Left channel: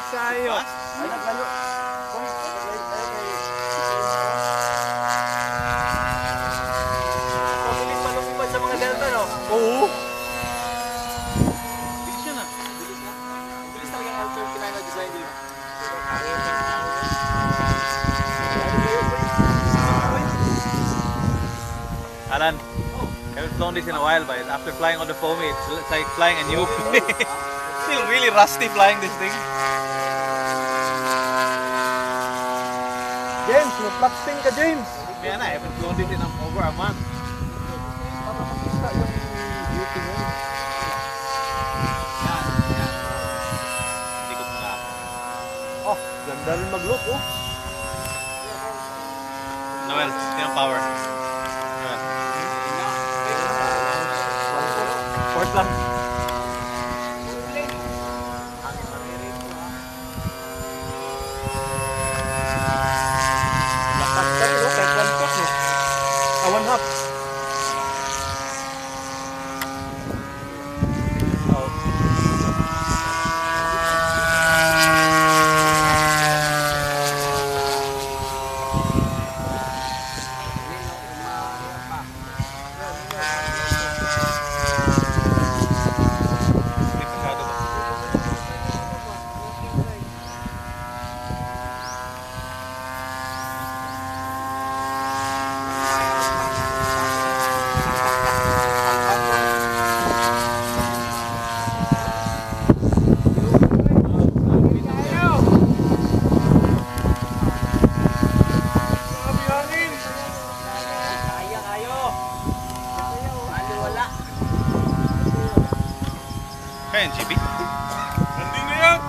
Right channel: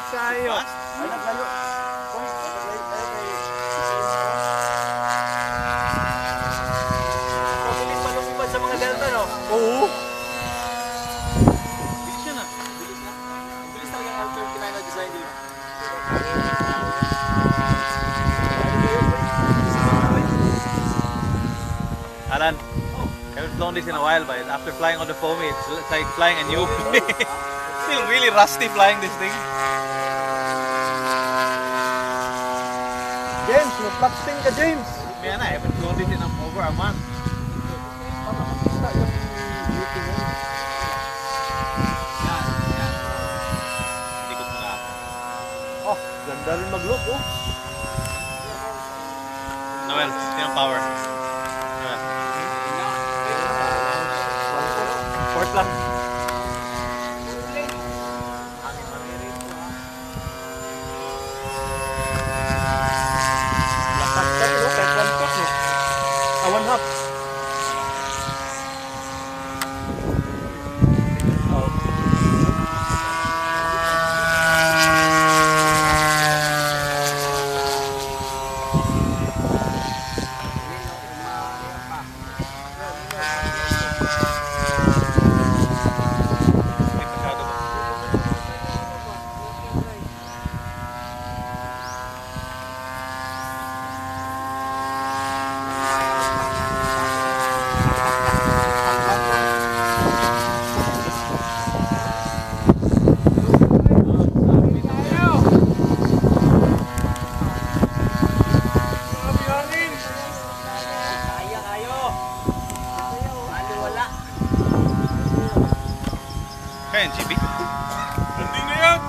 Init kayo. Ay, naglalo. Kung naglalo tayo kay... Mabilis pa lumipad sa mga delta, no? Oo. Bilis yun, ah. Bilis talaga yung L39 na design yun. Alan, haven't flown this in a while, but after flying on the foamy, it's like flying a new plane. Still really rusty flying this thing. James, mag-flat spin ka, James! Man, I haven't flown this in over a month. Para makita yung beauty mo. Yan, yan. Ikot mo na. Oh, ganda rin mag-look, oh. Noel, yung power. Noel. Port lang. Hangin maririt po, ha. Lakas ka rin, oh. Kahit one shot, eh. One half. Hindi masyado ba? Kaya kayo. Ano wala? Kaya yung GB? Hindi na yan.